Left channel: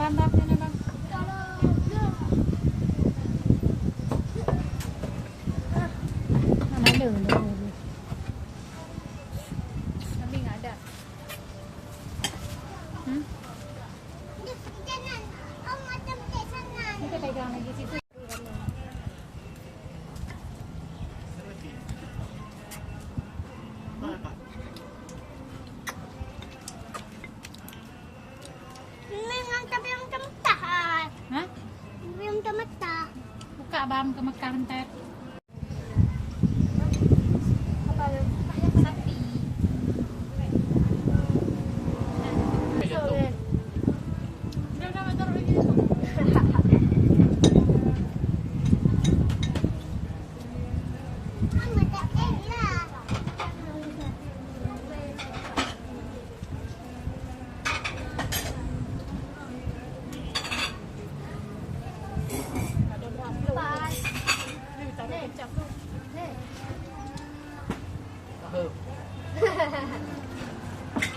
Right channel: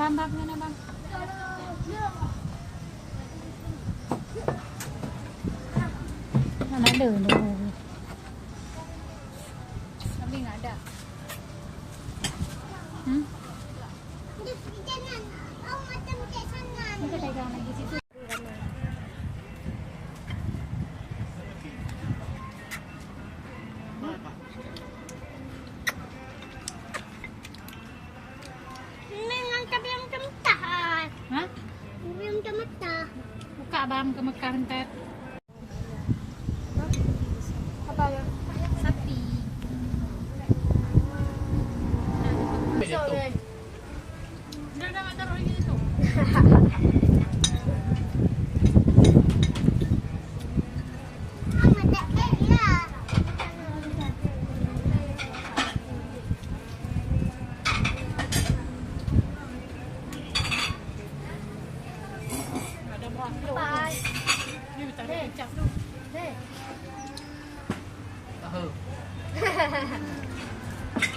Bam, bam, yan na bam. Mana ada dulu. Kami nggak ada. Kita pegang lagi situ. Hah? Yung tamata. Buka bam ke Mekah bentar. Apa yang? Sapi. Sorry. Dah taruh lagi situ.